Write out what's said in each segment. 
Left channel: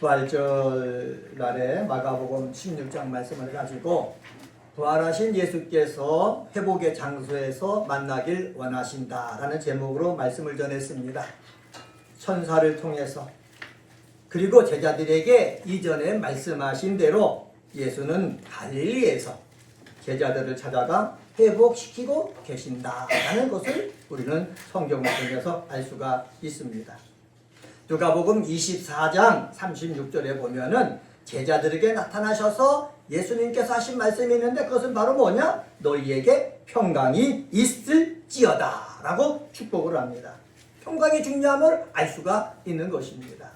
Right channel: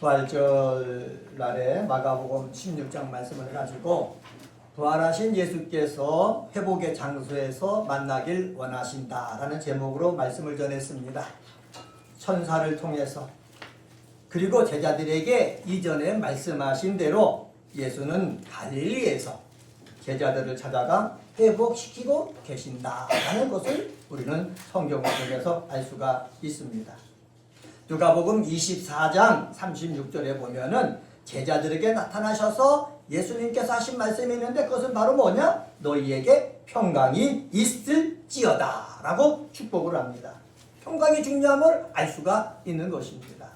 부활절 날에 마가복음 16장 말씀을 가지고 부활하신 예수께서 회복의 장소에서 만나길 원하신다라는 제목으로 말씀을 전했습니다. 천사를 통해서, 그리고 제자들에게 이전에 말씀하신 대로 예수는 갈릴리에서 제자들을 찾아가 회복시키고 계신다라는 것을 우리는 성경을 통해서 알 수가 있습니다. 누가복음 24장 36절에 보면은 제자들에게 나타나셔서 예수님께서 하신 말씀이 있는데, 그것은 바로 뭐냐? 너희에게 평강이 있을지어다 라고 축복을 합니다. 평강이 중요한 걸 알 수가 있는 것입니다.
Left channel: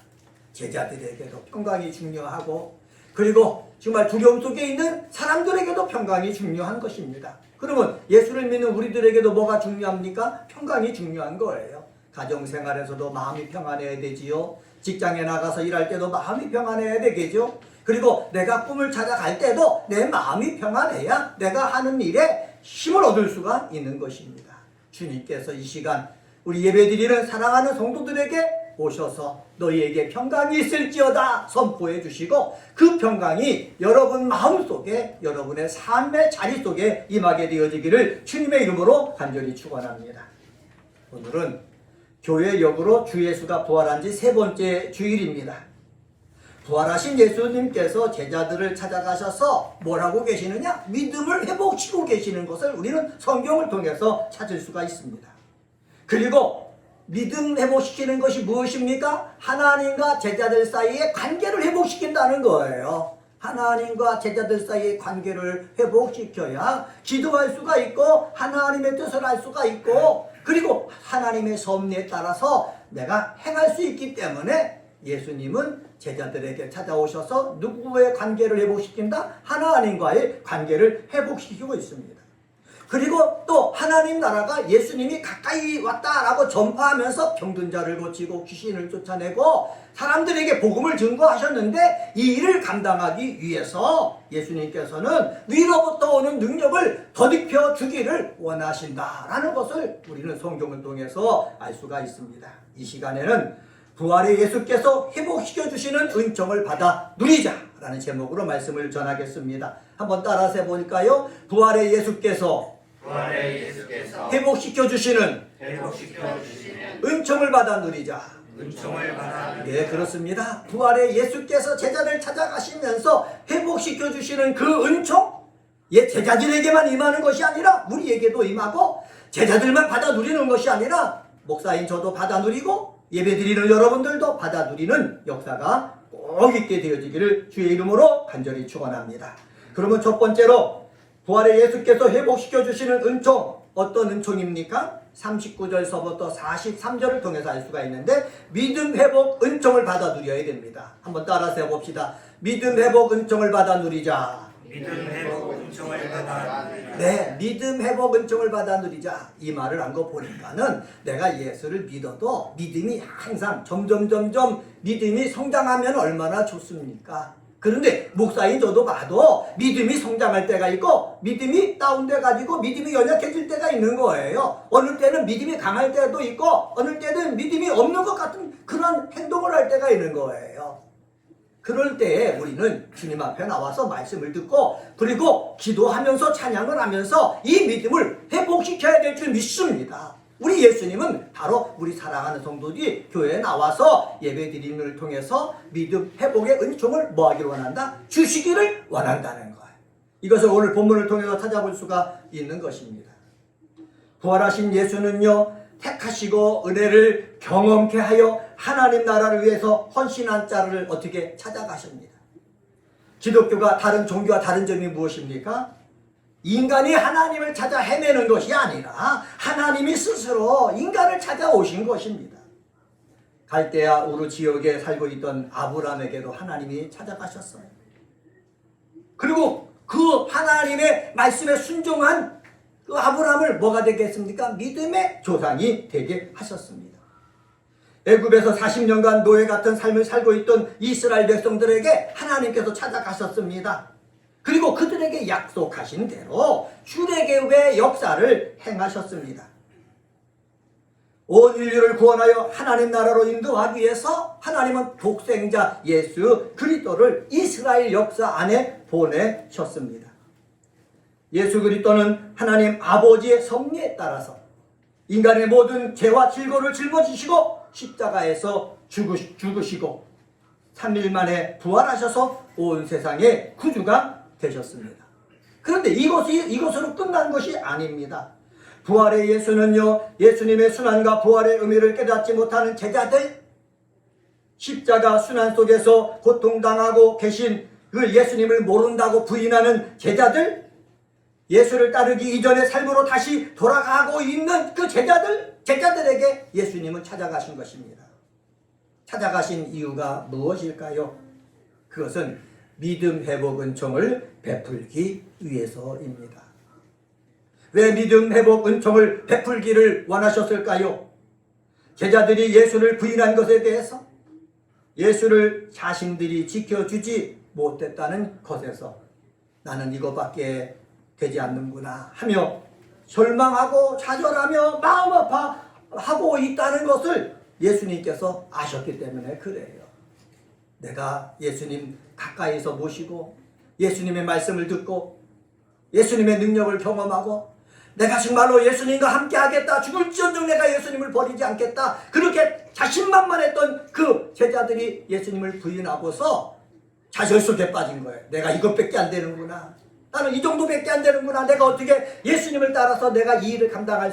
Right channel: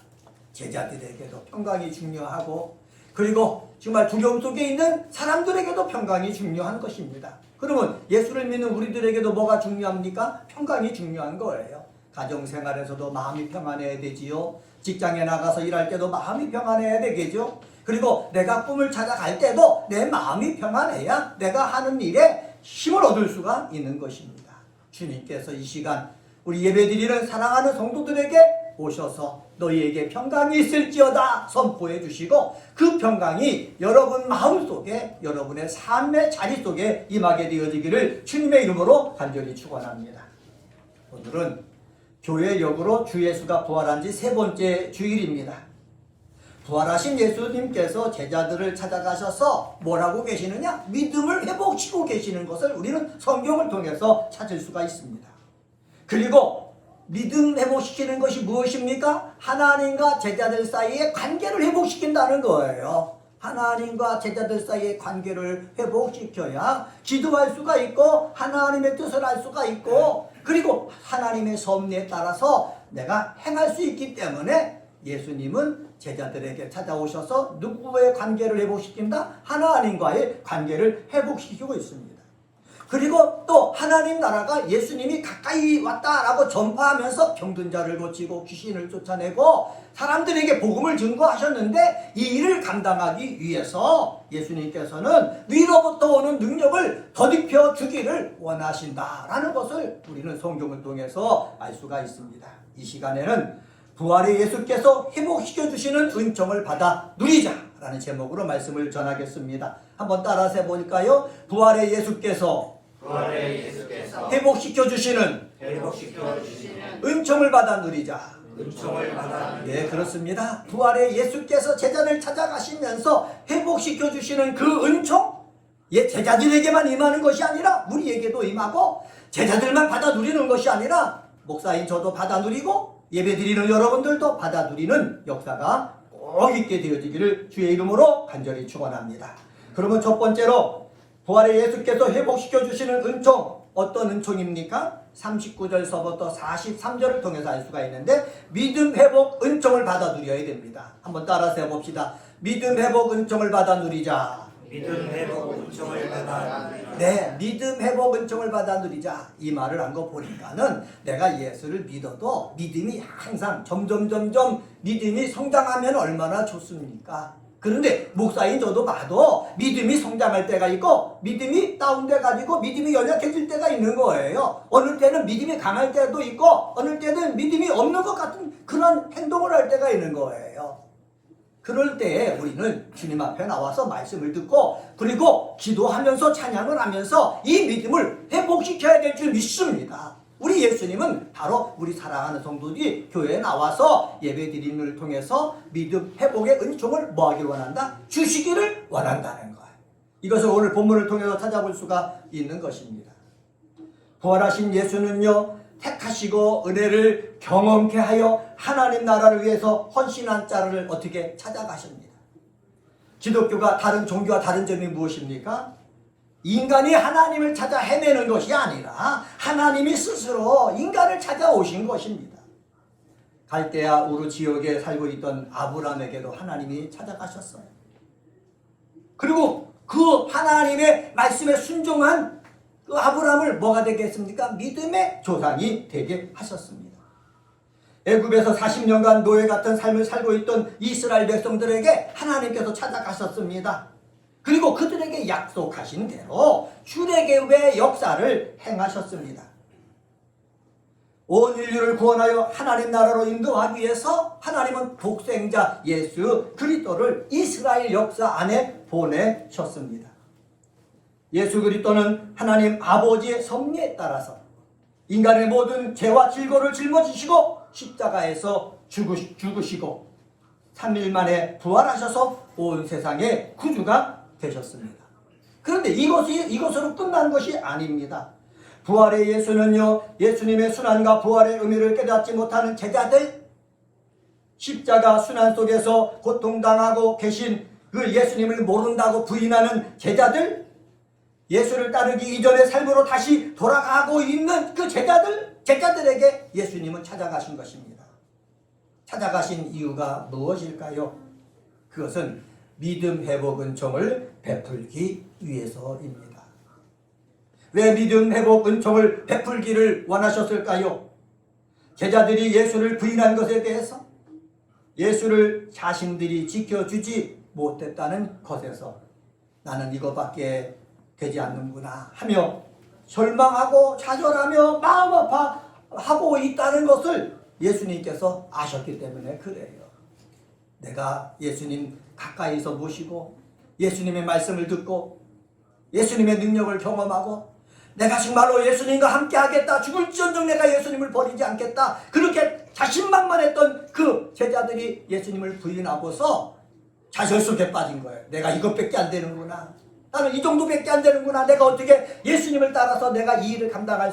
제자들에게도 평강이 중요하고, 그리고 정말 두려움 속에 있는 사람들에게도 평강이 중요한 것입니다. 그러면 예수를 믿는 우리들에게도 뭐가 중요합니까? 평강이 중요한 거예요. 가정생활에서도 마음이 평안해야 되지요. 직장에 나가서 일할 때도 마음이 평안해야 되겠죠. 그리고 내가 꿈을 찾아갈 때도 내 마음이 평안해야 내가 하는 일에 힘을 얻을 수가 있는 것입니다. 주님께서 이 시간 우리 예배드리는 사랑하는 성도들에게 오셔서 너희에게 평강이 있을지어다 선포해 주시고, 그 평강이 여러분 마음속에, 여러분의 삶의 자리 속에 임하게 되어지기를 주님의 이름으로 간절히 축원합니다. 오늘은 교회 역으로 주 예수가 부활한 지 3번째 주일입니다. 부활하신 예수님께서 제자들을 찾아가셔서 뭐라고 계시느냐? 믿음을 회복시키고 계시는 것을 우리는 성경을 통해서 찾을 수가 있습니다. 그리고 믿음 회복시키는 것이 무엇입니까? 하나님과 제자들 사이의 관계를 회복시킨다는 거예요. 하나님과 제자들 사이의 관계를 회복시켜야 기도할 수가 있고, 하나님의 뜻을 알 수가 있고, 그리고 하나님의 섭리에 따라서 내가 행할 수 있기 때문에 예수님은 제자들에게 찾아오셔서 누구의 관계를 회복시킨다? 하나님과의 관계를 회복시키고 있습니다. 그리고 또 하나님 나라가 예수님이 가까이 왔다라고 전파하면서 병든 자를 고치고 귀신을 쫓아내고 사람들에게 복음을 증거하셨는데, 이 일을 감당하기 위해서 예수님께서는 위로부터 오는 능력을 덧입혀 주기를 원하신다라는 것을 우리는 성경을 통해서 알 수가 있습니다. 이 시간에는 부활의 예수께서 회복시켜 주시는 은총을 받아 누리자라는 제목으로 말씀을 전하겠습니다. 한번 따라서 해보니까요. 부활의 예수께서 회복시켜 주시는 은총을 받아 누리자. 네, 그렇습니다. 부활의 예수께서 제자를 찾아가시면서 회복시켜 주시는 그 은총, 제자들에게만 임하는 것이 아니라 우리에게도 임하고, 제자들만 받아 누리는 것이 아니라 목사인 저도 받아 누리고 예배드리는 여러분들도 받아 누리는 역사가 꼭 있게 되어지기를 주의 이름으로 간절히 축원합니다. 그러면 첫 번째로 부활의 예수께서 회복시켜 주시는 은총, 어떤 은총입니까? 39절서부터 43절을 통해서 알 수가 있는데, 믿음 회복 은총을 받아 누려야 됩니다. 한번 따라서 해봅시다. 믿음 회복 은총을 받아 누리자. 믿음 회복 은총을 받아 누리자. 네, 믿음 회복 은총을 받아 누리자. 이 말을 한 거 보니까는 내가 예수를 믿어도 믿음이 항상 점점 믿음이 성장하면 얼마나 좋습니까? 그런데 목사인 저도 봐도 믿음이 성장할 때가 있고 믿음이 다운돼 가지고 믿음이 연약해질 때가 있는 거예요. 어느 때는 믿음이 강할 때도 있고 어느 때는 믿음이 없는 것 같은 그런 행동을 할 때가 있는 거예요. 그럴 때 우리는 주님 앞에 나와서 말씀을 듣고, 그리고 기도하면서 찬양을 하면서 이 믿음을 회복시켜야 될 줄 믿습니다. 우리 예수님은 바로 우리 사랑하는 성도들이 교회에 나와서 예배드림을 통해서 믿음 회복의 은총을 뭐하기를 원한다? 주시기를 원한다는 거예요. 이것을 오늘 본문을 통해서 찾아볼 수가 있는 것입니다. 부활하신 예수는요, 택하시고 은혜를 경험케 하여 하나님 나라를 위해서 헌신한 자를 어떻게 찾아가십니다. 기독교가 다른 종교와 다른 점이 무엇입니까? 인간이 하나님을 찾아 헤매는 것이 아니라 하나님이 스스로 인간을 찾아오신 것입니다. 갈대아 우르 지역에 살고 있던 아브라함에게도 하나님이 찾아가셨어요. 그리고 그 하나님의 말씀에 순종한 그 아브라함을 뭐가 되게 했습니까? 믿음의 조상이 되게 하셨습니다. 애굽에서 40년간 노예 같은 삶을 살고 있던 이스라엘 백성들에게 하나님께서 찾아가셨습니다. 그리고 그들에게 약속하신 대로 출애굽의 역사를 행하셨습니다. 온 인류를 구원하여 하나님 나라로 인도하기 위해서 하나님은 독생자 예수 그리스도를 이스라엘 역사 안에 보내셨습니다. 예수 그리스도는 하나님 아버지의 섭리에 따라서 인간의 모든 죄와 질고를 짊어지시고 십자가에서 죽으시고 3일 만에 부활하셔서 온 세상의 구주가 되셨습니다. 그런데 이것으로 끝난 것이 아닙니다. 부활의 예수는요, 예수님의 순환과 부활의 의미를 깨닫지 못하는 제자들, 십자가 순환 속에서 고통당하고 계신 그 예수님을 모른다고 부인하는 제자들, 예수를 따르기 이전의 삶으로 다시 돌아가고 있는 그 제자들에게 예수님은 찾아가신 것입니다. 찾아가신 이유가 무엇일까요? 그것은 믿음 회복 은총을 베풀기 위해서입니다. 왜 믿음 회복 은총을 베풀기를 원하셨을까요? 제자들이 예수를 부인한 것에 대해서 예수를 자신들이 지켜주지 못했다는 것에서 나는 이것밖에 되지 않는구나 하며 절망하고 좌절하며 마음 아파하고 있다는 것을 예수님께서 아셨기 때문에 그래요. 내가 예수님 가까이서 모시고 예수님의 말씀을 듣고 예수님의 능력을 경험하고 내가 정말로 예수님과 함께 하겠다, 죽을지언정 내가 예수님을 버리지 않겠다, 그렇게 자신만만했던 그 제자들이 예수님을 부인하고서 좌절 속에 빠진 거예요. 내가 이것밖에 안 되는구나, 나는 이 정도밖에 안 되는구나, 내가 어떻게 예수님을 따라서 내가 이 일을 감당할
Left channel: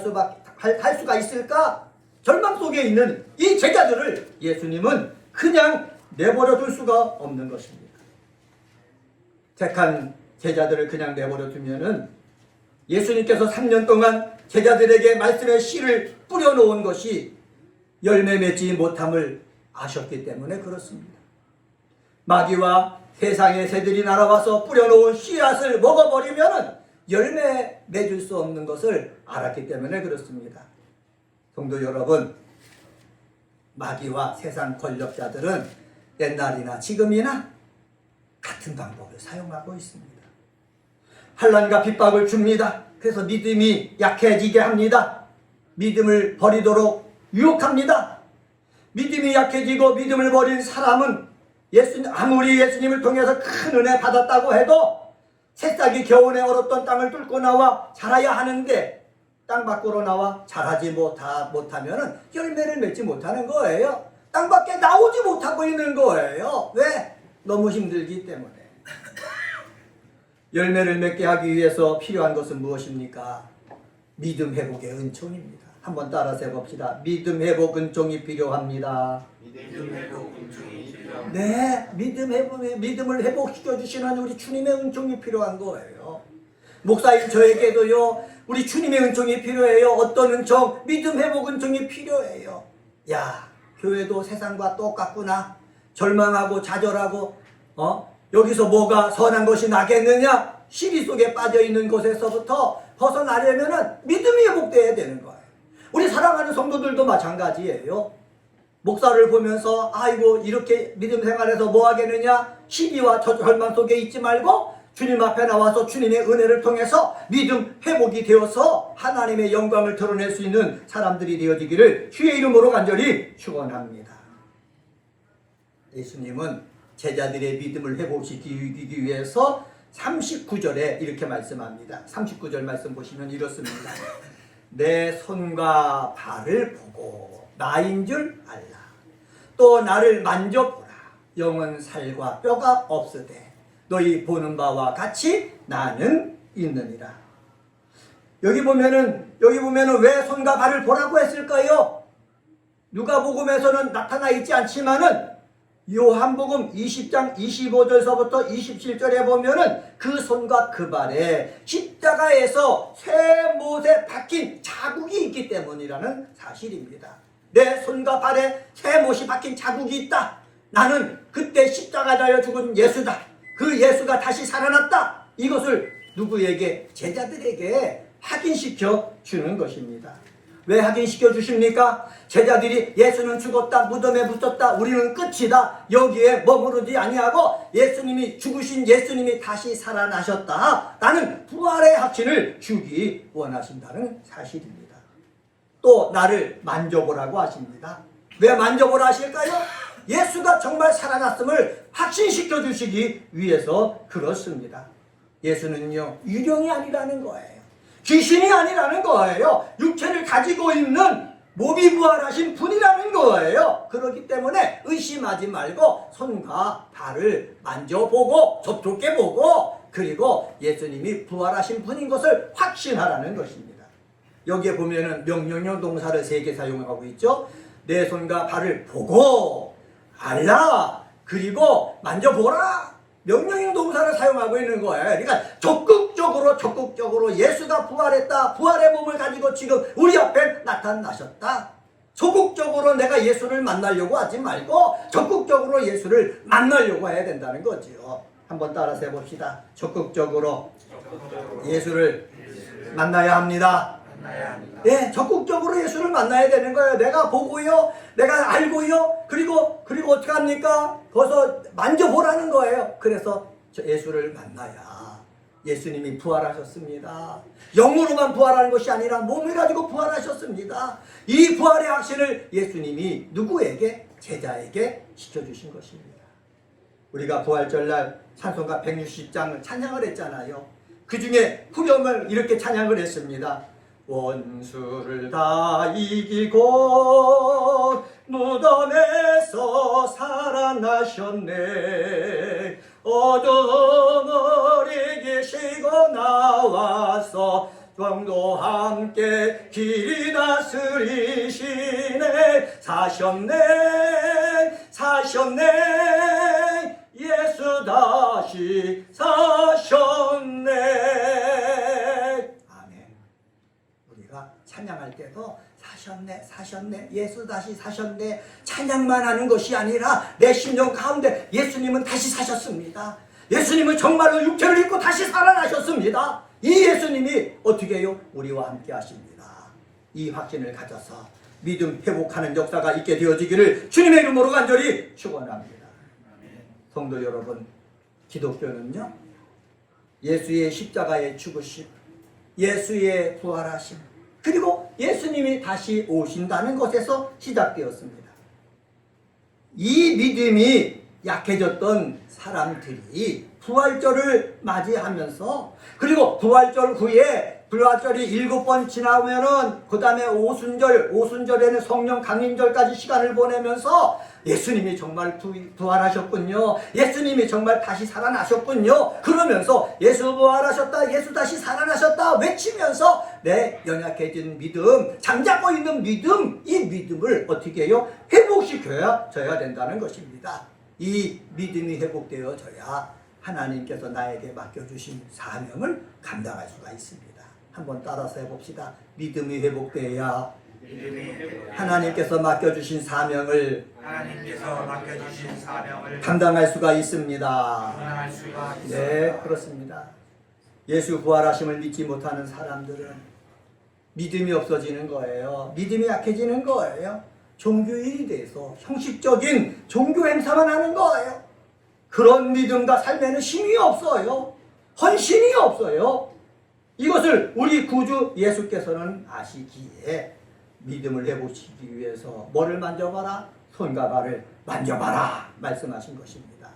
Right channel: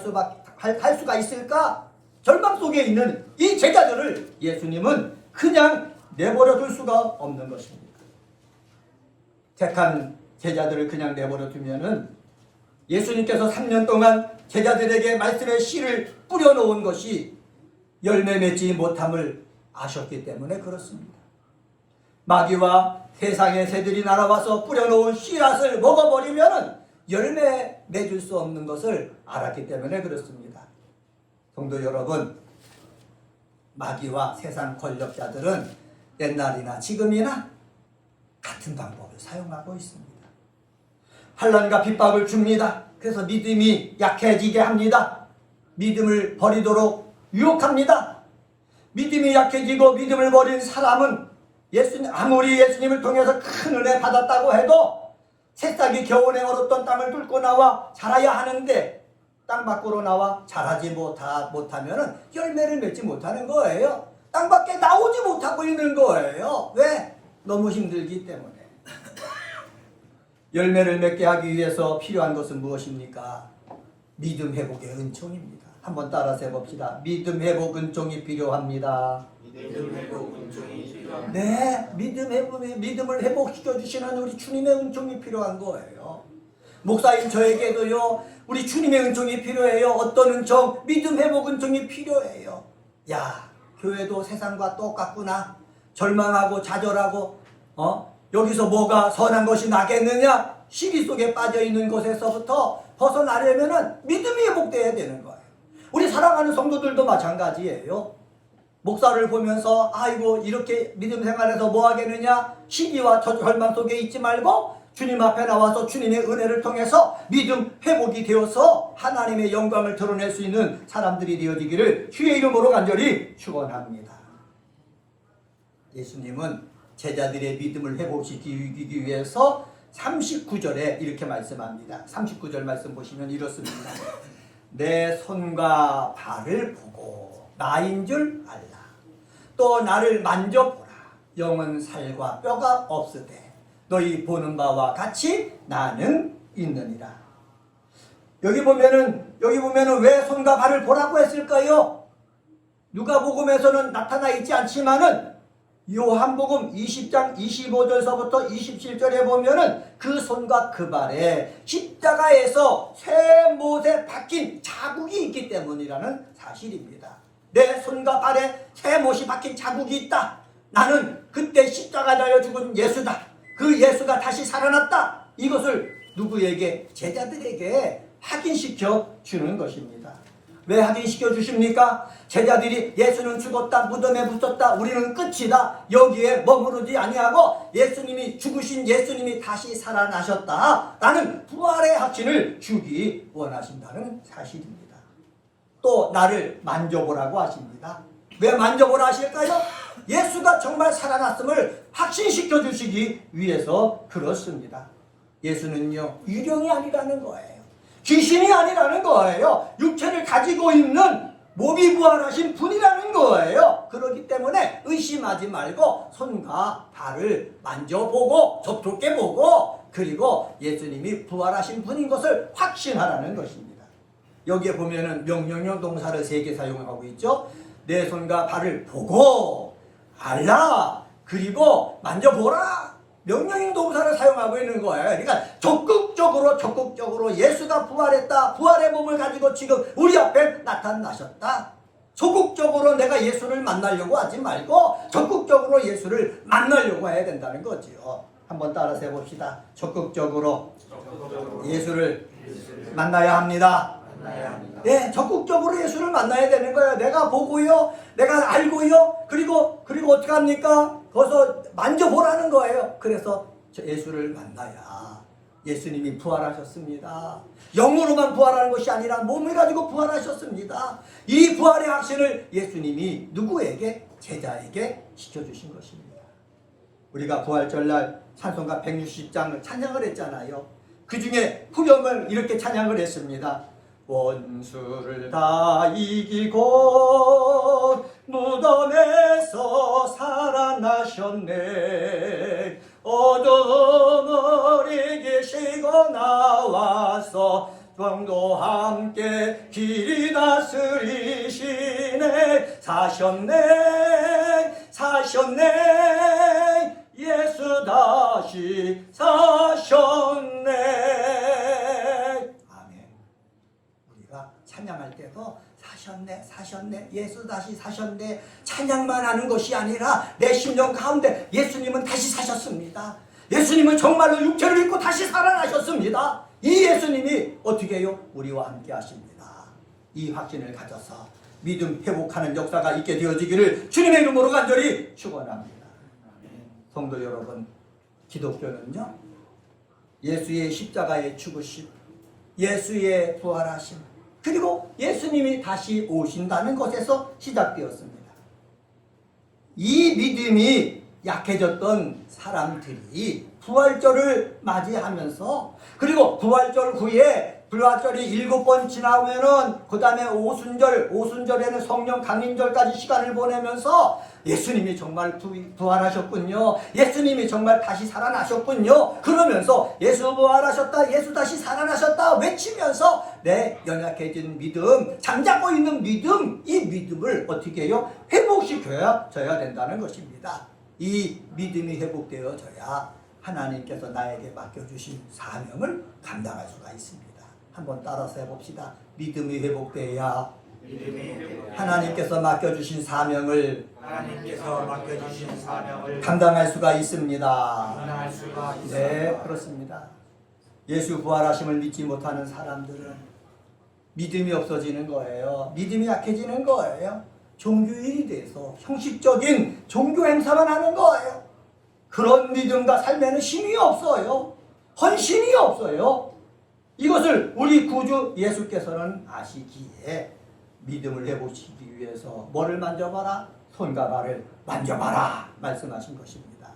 할 수가 있을까? 절망 속에 있는 이 제자들을 예수님은 그냥 내버려 둘 수가 없는 것입니다. 택한 제자들을 그냥 내버려 두면은 예수님께서 3년 동안 제자들에게 말씀의 씨를 뿌려놓은 것이 열매 맺지 못함을 아셨기 때문에 그렇습니다. 마귀와 세상의 새들이 날아와서 뿌려놓은 씨앗을 먹어버리면 열매 맺을 수 없는 것을 알았기 때문에 그렇습니다. 성도 여러분, 마귀와 세상 권력자들은 옛날이나 지금이나 같은 방법을 사용하고 있습니다. 환난과 핍박을 줍니다. 그래서 믿음이 약해지게 합니다. 믿음을 버리도록 유혹합니다. 믿음이 약해지고 믿음을 버린 사람은 아무리 예수님을 통해서 큰 은혜 받았다고 해도 새싹이 겨울에 얼었던 땅을 뚫고 나와 자라야 하는데 땅 밖으로 나와 자라지 못하면 열매를 맺지 못하는 거예요. 땅 밖에 나오지 못하고 있는 거예요. 왜? 너무 힘들기 때문에. 열매를 맺게 하기 위해서 필요한 것은 무엇입니까? 믿음 회복의 은총입니다. 한번 따라서 해봅시다. 믿음 회복 은총이 필요합니다. 믿음 회복 은총이 필요합니다. 네, 믿음을 회복시켜 주시는 우리 주님의 은총이 필요한 거예요. 목사님 저에게도요, 우리 주님의 은총이 필요해요. 어떤 은총? 믿음 회복 은총이 필요해요. 야, 교회도 세상과 똑같구나. 절망하고 좌절하고 여기서 뭐가 선한 것이 나겠느냐? 시기 속에 빠져있는 곳에서부터 벗어나려면 믿음이 회복되어야 되는 거예요. 우리 사랑하는 성도들도 마찬가지예요. 목사를 보면서 아이고 이렇게 믿음 생활에서 뭐 하겠느냐? 시기와 절망 속에 있지 말고 주님 앞에 나와서 주님의 은혜를 통해서 믿음 회복이 되어서 하나님의 영광을 드러낼 수 있는 사람들이 되어지기를 주의 이름으로 간절히 축원합니다. 예수님은 제자들의 믿음을 회복시키기 위해서 39절에 이렇게 말씀합니다. 39절 말씀 보시면 이렇습니다. 내 손과 발을 보고 나인 줄 알라. 또 나를 만져보라. 영은 살과 뼈가 없으되 너희 보는 바와 같이 나는 있느니라. 여기 보면은 왜 손과 발을 보라고 했을까요? 누가복음에서는 나타나 있지 않지만은 요한복음 20장 25절서부터 27절에 보면은 그 손과 그 발에 십자가에서 새 못에 박힌 자국이 있기 때문이라는 사실입니다. 내 손과 발에 새 못이 박힌 자국이 있다. 나는 그때 십자가에 죽은 예수다. 그 예수가 다시 살아났다. 이것을 누구에게? 제자들에게 확인시켜 주는 것입니다. 왜 확인시켜 주십니까? 제자들이 예수는 죽었다, 무덤에 묻혔다, 우리는 끝이다, 여기에 머무르지 아니하고 예수님이 죽으신 예수님이 다시 살아나셨다, 나는 부활의 확신을 주기 원하신다는 사실입니다. 또 잡고 나를 만져보라고 하십니다. 왜 만져보라 하실까요? 예수가 정말 살아났음을 확신시켜 주시기 위해서 그렇습니다. 예수는요, 유령이 아니라는 거예요. 귀신이 아니라는 거예요. 육체를 가지고 있는 몸이 부활하신 분이라는 거예요. 그렇기 때문에 의심하지 말고 손과 발을 만져보고 접촉해보고 그리고 예수님이 부활하신 분인 것을 확신하라는 것입니다. 여기에 보면은 명령형 동사를 3개 사용하고 있죠. 내 손과 발을 보고 알라 그리고 만져보라. 명령형 동사를 사용하고 있는 거예요. 그러니까 적극적으로 예수가 부활했다. 부활의 몸을 가지고 지금 우리 앞에 나타나셨다. 소극적으로 내가 예수를 만나려고 하지 말고 적극적으로 예수를 만나려고 해야 된다는 거지요. 한번 따라서 해봅시다. 적극적으로 예수를 만나야 합니다. 네, 적극적으로 예수를 만나야 되는 거예요. 내가 보고요, 내가 알고요, 그리고 어떻게 합니까? 거기서 만져보라는 거예요. 그래서 예수를 만나야 예수님이 부활하셨습니다. 영으로만 부활하는 것이 아니라 몸을 가지고 부활하셨습니다. 이 부활의 확신을 예수님이 누구에게? 제자에게 시켜주신 것입니다. 우리가 부활절날 찬송가 160장을 찬양을 했잖아요. 그 중에 후렴을 이렇게 찬양을 했습니다. 원수를 다 이기고 무덤에서 살아나셨네. 어둠을 이기시고 나와서 왕도 함께 길 다스리시네. 사셨네 예수 다시 사셨네. 아멘. 우리가 찬양할 때도 사셨네 예수 다시 사셨네 찬양만 하는 것이 아니라 내 심령 가운데 예수님은 다시 사셨습니다. 예수님은 정말로 육체를 입고 다시 살아나셨습니다. 이 예수님이 어떻게 해요? 우리와 함께 하십니다. 이 확신을 가져서 믿음 회복하는 역사가 있게 되어지기를 주님의 이름으로 간절히 축원합니다. 성도 여러분, 기독교는요, 예수의 십자가의 죽으심, 예수의 부활하심, 그리고 예수님이 다시 오신다는 것에서 시작되었습니다. 이 믿음이 약해졌던 사람들이 부활절을 맞이하면서, 그리고 부활절 후에 부활절이 7번 지나면은 그 다음에 오순절에는 성령 강림절까지 시간을 보내면서 예수님이 정말 부활하셨군요. 예수님이 정말 다시 살아나셨군요. 그러면서 예수 부활하셨다, 예수 다시 살아나셨다 외치면서 내 연약해진 믿음, 잠자고 있는 믿음, 이 믿음을 어떻게 해요? 회복시켜야 된다는 것입니다. 이 믿음이 회복되어져야 하나님께서 나에게 맡겨주신 사명을 감당할 수가 있습니다. 한번 따라서 해봅시다. 믿음이 회복되어야 하나님께서 맡겨주신 사명을 감당할 수가 있습니다. 네, 그렇습니다. 예수 부활하심을 믿지 못하는 사람들은 믿음이 없어지는 거예요. 믿음이 약해지는 거예요. 종교인이 돼서 형식적인 종교 행사만 하는 거예요. 그런 믿음과 삶에는 힘이 없어요. 헌신이 없어요. 이것을 우리 구주 예수께서는 아시기에 믿음을 회복시키기 위해서 뭐를 만져봐라? 손과 발을 만져봐라 말씀하신 것입니다.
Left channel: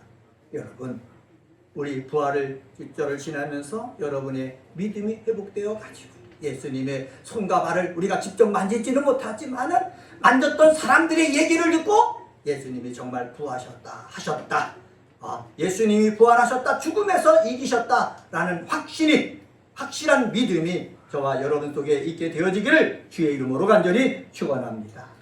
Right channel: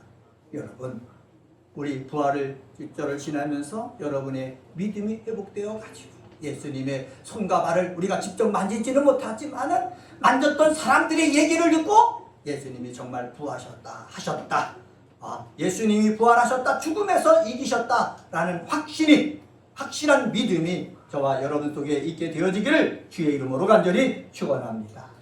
여러분, 우리 부활을 직절을 지나면서 여러분의 믿음이 회복되어 가지고 예수님의 손과 발을 우리가 직접 만지지는 못하지만은 만졌던 사람들의 얘기를 듣고 예수님이 정말 부활하셨다 하셨다. 예수님이 부활하셨다, 죽음에서 이기셨다라는 확실한 믿음이 저와 여러분 속에 있게 되어지기를 주의 이름으로 간절히 축원합니다.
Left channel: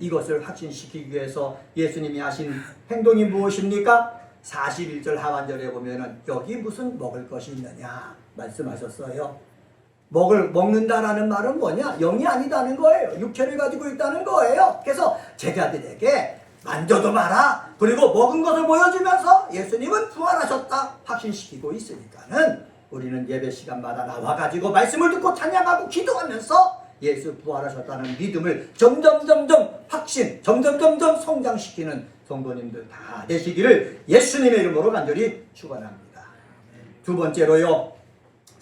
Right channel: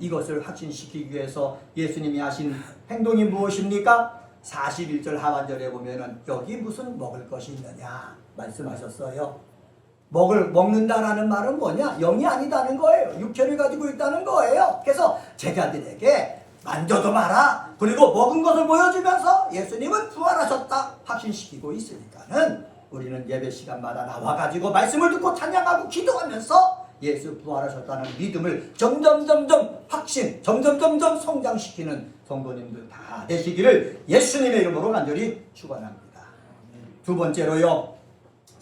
이것을 확신시키기 위해서 예수님이 하신 행동이 무엇입니까? 41절 하반절에 보면은 여기 무슨 먹을 것이 있느냐 말씀하셨어요. 먹는다라는 말은 뭐냐? 영이 아니다는 거예요. 육체를 가지고 있다는 거예요. 그래서 제자들에게 만져도 마라. 그리고 먹은 것을 보여주면서 예수님은 부활하셨다 확신시키고 있으니까는 우리는 예배 시간마다 나와가지고 말씀을 듣고 찬양하고 기도하면서 예수 부활하셨다는 믿음을 점점 점점 성장시키는 성도님들 다 되시기를 예수님의 이름으로 간절히 축원합니다. 두 번째로요,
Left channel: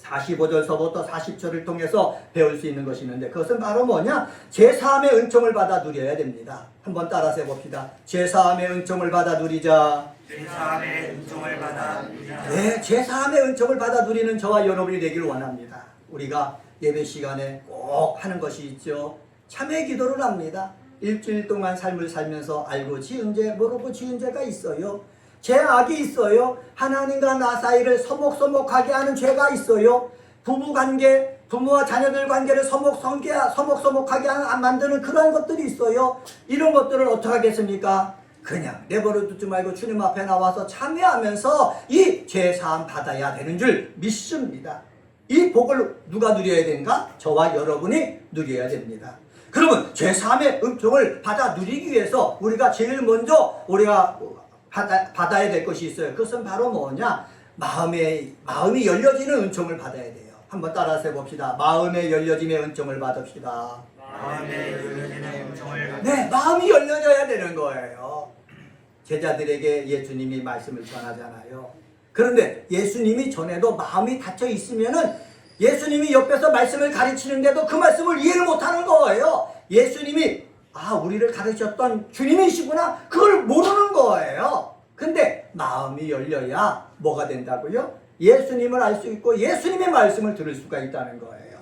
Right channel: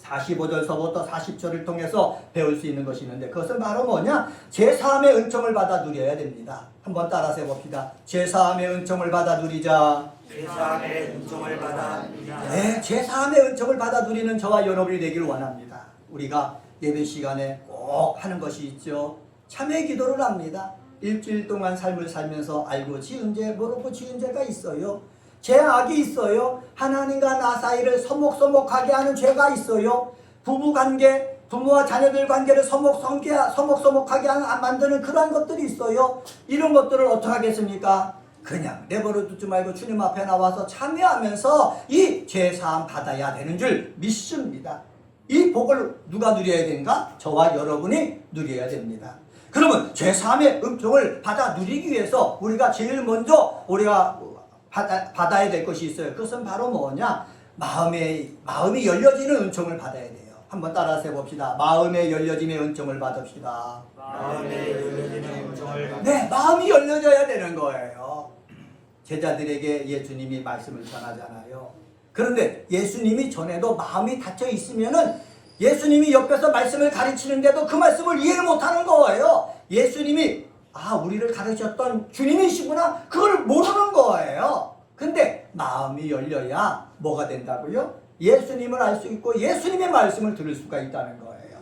45절서부터 40절을 통해서 배울 수 있는 것이 있는데 그것은 바로 뭐냐? 제3의 은총을 받아 누려야 됩니다. 한번 따라서 해봅시다. 제3의 은총을 받아 누리자. 제3의 은총을 받아 누리자. 네, 제3의 은총을 받아 누리는 저와 여러분이 되기를 원합니다. 우리가 예배 시간에 꼭 하는 것이 있죠. 참회 기도를 합니다. 일주일 동안 삶을 살면서 알고 지은 죄, 모르고 지은 죄가 있어요. 죄악이 있어요. 하나님과 나 사이를 서먹서먹하게 하는 죄가 있어요. 부부관계, 부모와 자녀들 관계를 서먹서먹하게 만드는 그러한 것들이 있어요. 이런 것들을 어떻게 하겠습니까? 그냥 내버려 두지 말고 주님 앞에 나와서 참여하면서 이 죄사함 받아야 되는 줄 믿습니다. 이 복을 누가 누려야 되는가? 저와 여러분이 누려야 됩니다. 그러면 죄사함의 은총을 받아 누리기 위해서 우리가 제일 먼저 우리가 받아야 될 것이 있어요. 그것은 바로 뭐냐? 마음이 열려지는 은총을 받아야 돼요. 한번 따라서 해봅시다. 마음의 열려짐의 은총을 받읍시다. 마음의 열려지는 은총을 받아. 네, 마음이 열려져야 되는 거예요. 제자들에게 예수님이 말씀을 전하잖아요. 그런데 예수님이 전에도 마음이 닫혀 있으면은 예수님이 옆에서 말씀을 가르치는데도 그 말씀을 이해를 못하는 거예요. 예수님이 우리를 가르쳤던 주님이시구나 그걸 모르는 거예요. 근데 마음이 열려야 뭐가 된다고요? 예수님을 알 수 있고 예수님의 말씀을 들을 수가 있다는 거예요.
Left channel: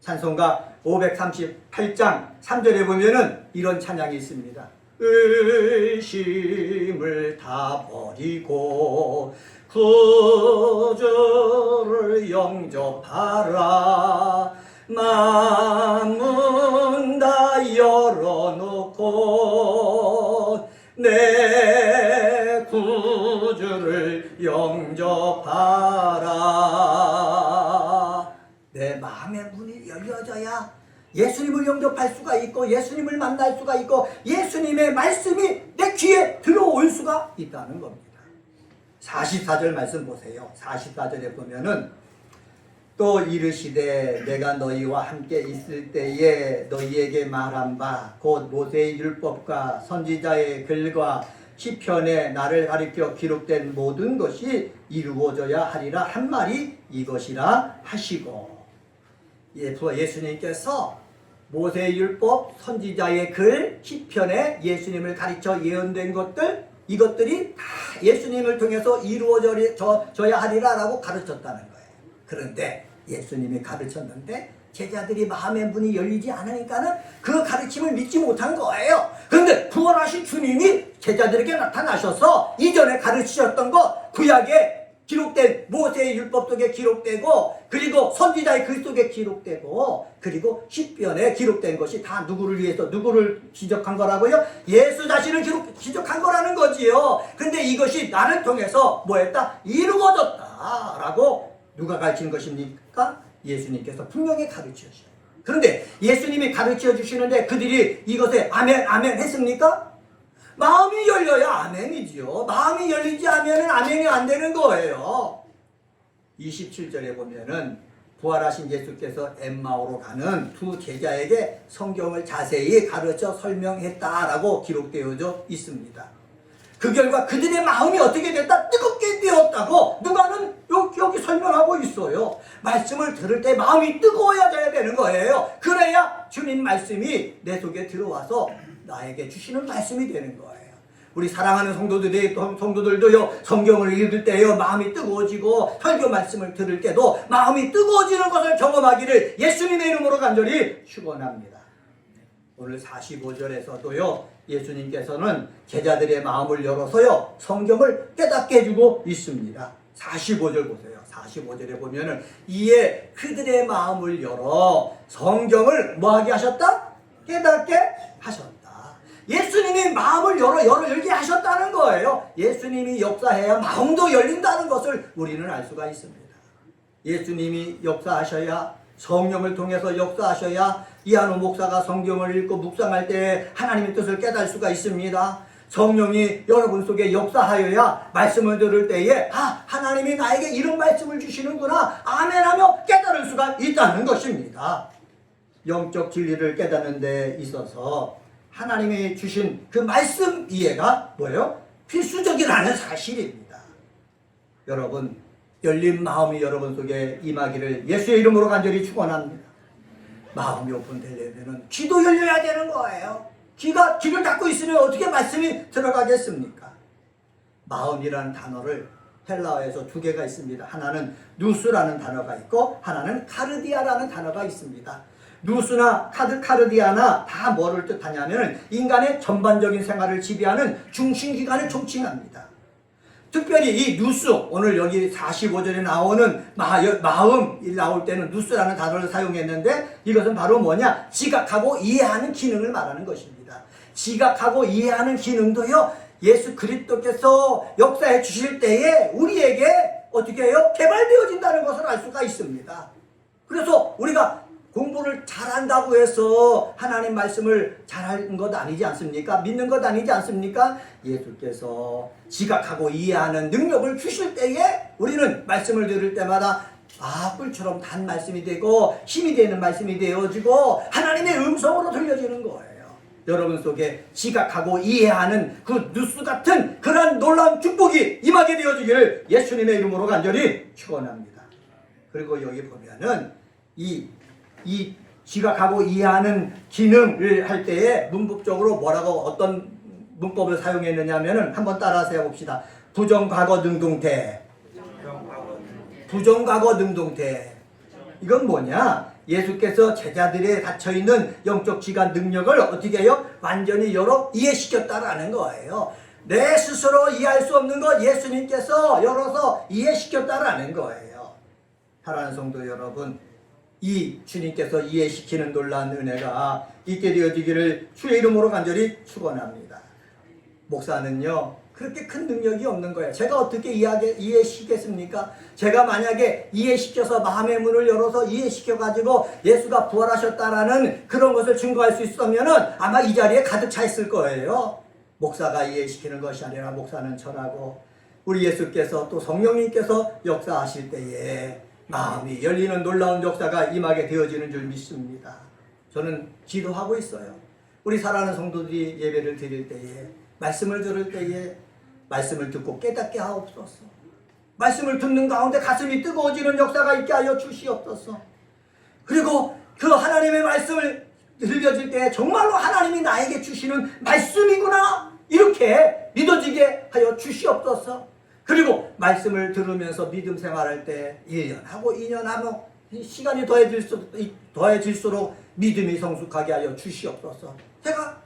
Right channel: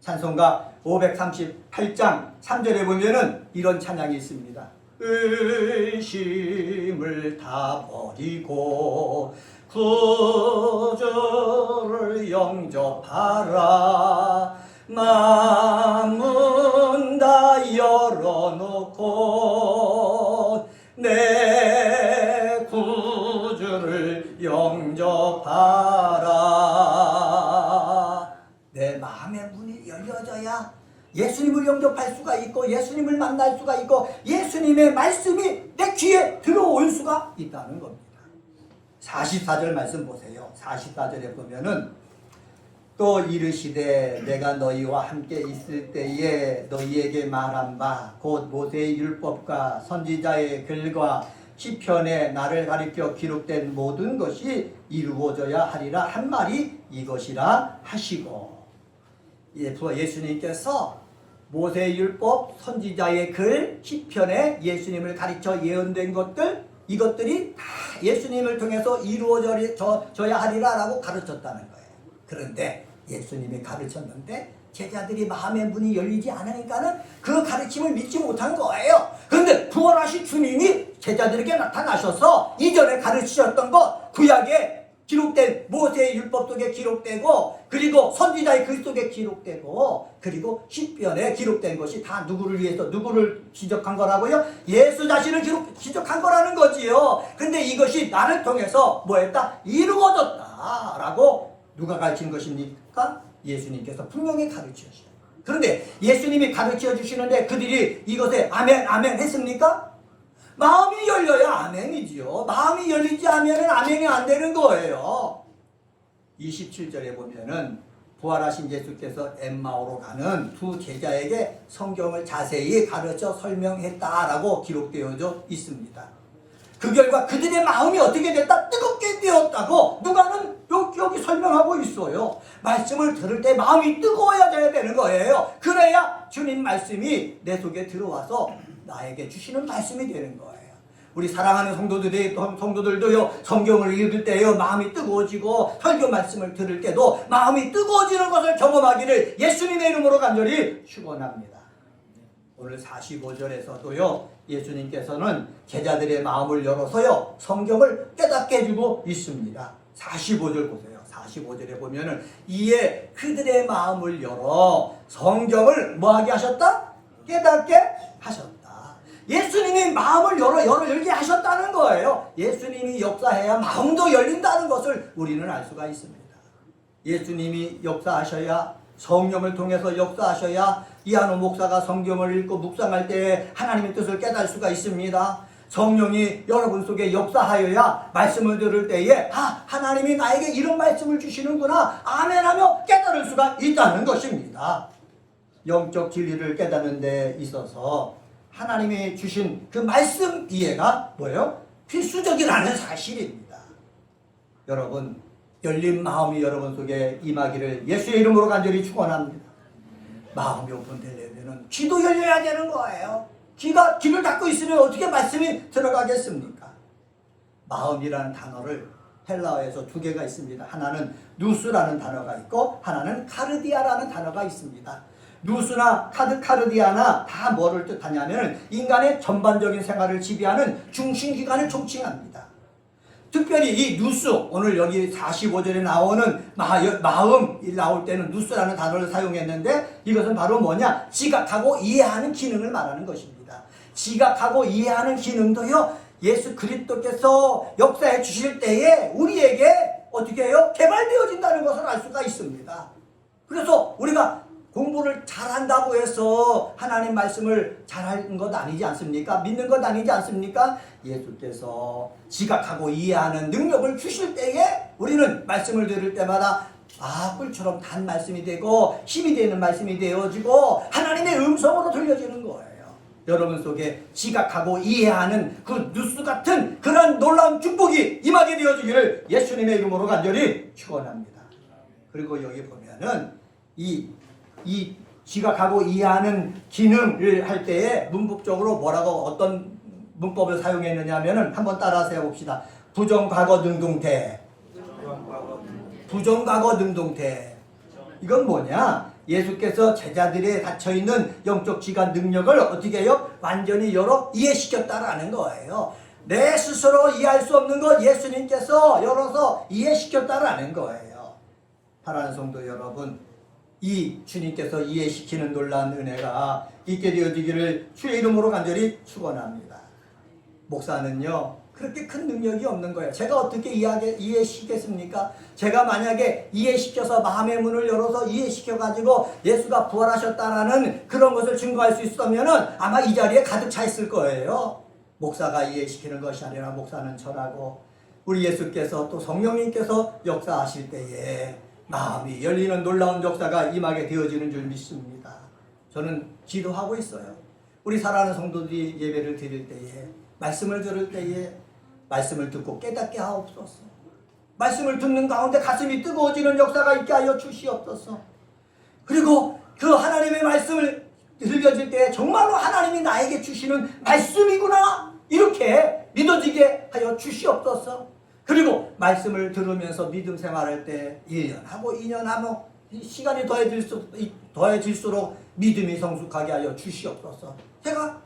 찬송가 538장 3절에 보면은 이런 찬양이 있습니다. 의심을 다 버리고 구주를 영접하라. 마음은 다 열어놓고 내 구주를 영접하라. 내 마음의 문이 열려져야 예수님을 영접할 수가 있고 예수님을 만날 수가 있고 예수님의 말씀이 내 귀에 들어올 수가 있다는 겁니다. 44절 말씀 보세요. 44절에 보면은 또 이르시되 내가 너희와 함께 있을 때에 너희에게 말한 바 곧 모세의 율법과 선지자의 글과 시편에 나를 가리켜 기록된 모든 것이 이루어져야 하리라 한 말이 이것이라 하시고, 예수님께서 모세의 율법, 선지자의 글, 시편에 예수님을 가르쳐 예언된 것들, 이것들이 다 예수님을 통해서 이루어져야 하리라라고 가르쳤다는 거예요. 그런데 예수님이 가르쳤는데 제자들이 마음의 문이 열리지 않으니까는 그 가르침을 믿지 못한 거예요. 그런데 부활하신 주님이 제자들에게 나타나셔서 이전에 가르치셨던 것, 구약에 기록된 모세의 율법 속에 기록되고, 그리고 선지자의 글 속에 기록되고, 그리고 시편에 기록된 것이 다 누구를 위해서, 누구를 지적한 거라고요? 예수 자신을 지적한 거라는 거지요. 근데 이것이 나를 통해서 뭐했다? 이루어졌다라고 누가 가르친 것입니까? 예수님께서 분명히 가르쳐 주시는 거예요. 그런데 예수님이 가르쳐 주시는데 그들이 이것에 아멘 아멘 했습니까? 마음이 열려야 아멘이지요. 마음이 열리지 않으면 아멘이 안 되는 거예요. 27절에 보면은 부활하신 예수께서 엠마오로 가는 두 제자에게 성경을 자세히 가르쳐 설명했다라고 기록되어져 있습니다. 그 결과 그들의 마음이 어떻게 됐다? 뜨겁게 되었다고 누가는 여기 설명하고 있어요. 말씀을 들을 때 마음이 뜨거워야 되는 거예요. 그래야 주님 말씀이 내 속에 들어와서 나에게 주시는 말씀이 되는 거예요. 우리 사랑하는 성도들도요, 성경을 읽을 때요 마음이 뜨거워지고 설교 말씀을 들을 때도 마음이 뜨거워지는 것을 경험하기를 예수님의 이름으로 간절히 축원합니다. 오늘 45절에서도요 예수님께서는 제자들의 마음을 열어서요 성경을 깨닫게 해주고 있습니다. 45절 보세요. 45절에 보면은 이에 그들의 마음을 열어 성경을 뭐하게 하셨다? 깨닫게 하셨다. 예수님이 마음을 열게 하셨다는 거예요. 예수님이 역사해야 마음도 열린다는 것을 우리는 알 수가 있습니다. 예수님이 역사하셔야, 성령을 통해서 역사하셔야 이한우 목사가 성경을 읽고 묵상할 때 하나님의 뜻을 깨달을 수가 있습니다. 성령이 여러분 속에 역사하여야 말씀을 들을 때에 하나님이 나에게 이런 말씀을 주시는구나 아멘하며 깨달을 수가 있다는 것입니다. 영적 진리를 깨닫는 데 있어서 하나님이 주신 그 말씀 이해가 뭐예요? 필수적이라는 사실입니다. 여러분, 열린 마음이 여러분 속에 임하기를 예수의 이름으로 간절히 축원합니다. 마음이 오픈되려면 귀도 열려야 되는 거예요. 귀를 닫고 있으면 어떻게 말씀이 들어가겠습니까? 마음이라는 단어를 헬라어에서 두 개가 있습니다. 하나는 누스라는 단어가 있고 하나는 카르디아라는 단어가 있습니다. 누스나 카르디아나 다 뭐를 뜻하냐면 인간의 전반적인 생활을 지배하는 중심기관을 총칭합니다. 특별히 이 누스, 오늘 여기 45절에 나오는 마음이 나올 때는 누스라는 단어를 사용했는데 이것은 바로 뭐냐? 지각하고 이해하는 기능을 말하는 것입니다. 지각하고 이해하는 기능도요, 예수 그리스도께서 역사해 주실 때에 우리에게 어떻게 해요? 개발되어진다는 것을 알 수가 있습니다. 그래서 우리가 공부를 잘한다고 해서 하나님 말씀을 잘하는 것 아니지 않습니까? 믿는 것 아니지 않습니까? 예수께서 지각하고 이해하는 능력을 주실 때에 우리는 말씀을 들을 때마다 꿀처럼 단 말씀이 되고 힘이 되는 말씀이 되어지고 하나님의 음성으로 들려지는 거예요. 여러분 속에 지각하고 이해하는 그 뉴스 같은 그런 놀라운 축복이 임하게 되어지기를 예수님의 이름으로 간절히 축원합니다. 그리고 여기 보면은 이 지각하고 이해하는 기능을 할 때에 문법적으로 뭐라고 어떤 문법을 사용했느냐 하면은 한번 따라서 해봅시다. 부정과거 능동태. 부정과거 능동태. 이건 뭐냐? 예수께서 제자들의 닫혀있는 영적 지간 능력을 어떻게 해요? 완전히 열어 이해시켰다라는 거예요. 내 스스로 이해할 수 없는 것 예수님께서 열어서 이해시켰다라는 거예요. 사랑하는 성도 여러분, 이 주님께서 이해시키는 놀라운 은혜가 있게 되어지기를 주의 이름으로 간절히 축원합니다. 목사는요, 그렇게 큰 능력이 없는 거예요. 제가 어떻게 이해시켰습니까? 제가 만약에 이해시켜서 마음의 문을 열어서 이해시켜가지고 예수가 부활하셨다라는 그런 것을 증거할 수 있었다면은 아마 이 자리에 가득 차 있을 거예요. 목사가 이해시키는 것이 아니라 목사는 전하고 우리 예수께서 또 성령님께서 역사하실 때에 마음이 열리는 놀라운 역사가 임하게 되어지는 줄 믿습니다. 저는 기도하고 있어요. 우리 사랑하는 성도들이 예배를 드릴 때에 말씀을 들을 때에 말씀을 듣고 깨닫게 하옵소서. 말씀을 듣는 가운데 가슴이 뜨거워지는 역사가 있게 하여 주시옵소서. 그리고 그 하나님의 말씀을 들려질 때 정말로 하나님이 나에게 주시는 말씀이구나 이렇게 믿어지게 하여 주시옵소서. 그리고 말씀을 들으면서 믿음 생활할 때 1년 하고 2년 하고 시간이 더해질수록 믿음이 성숙하게 하여 주시옵소서. 제가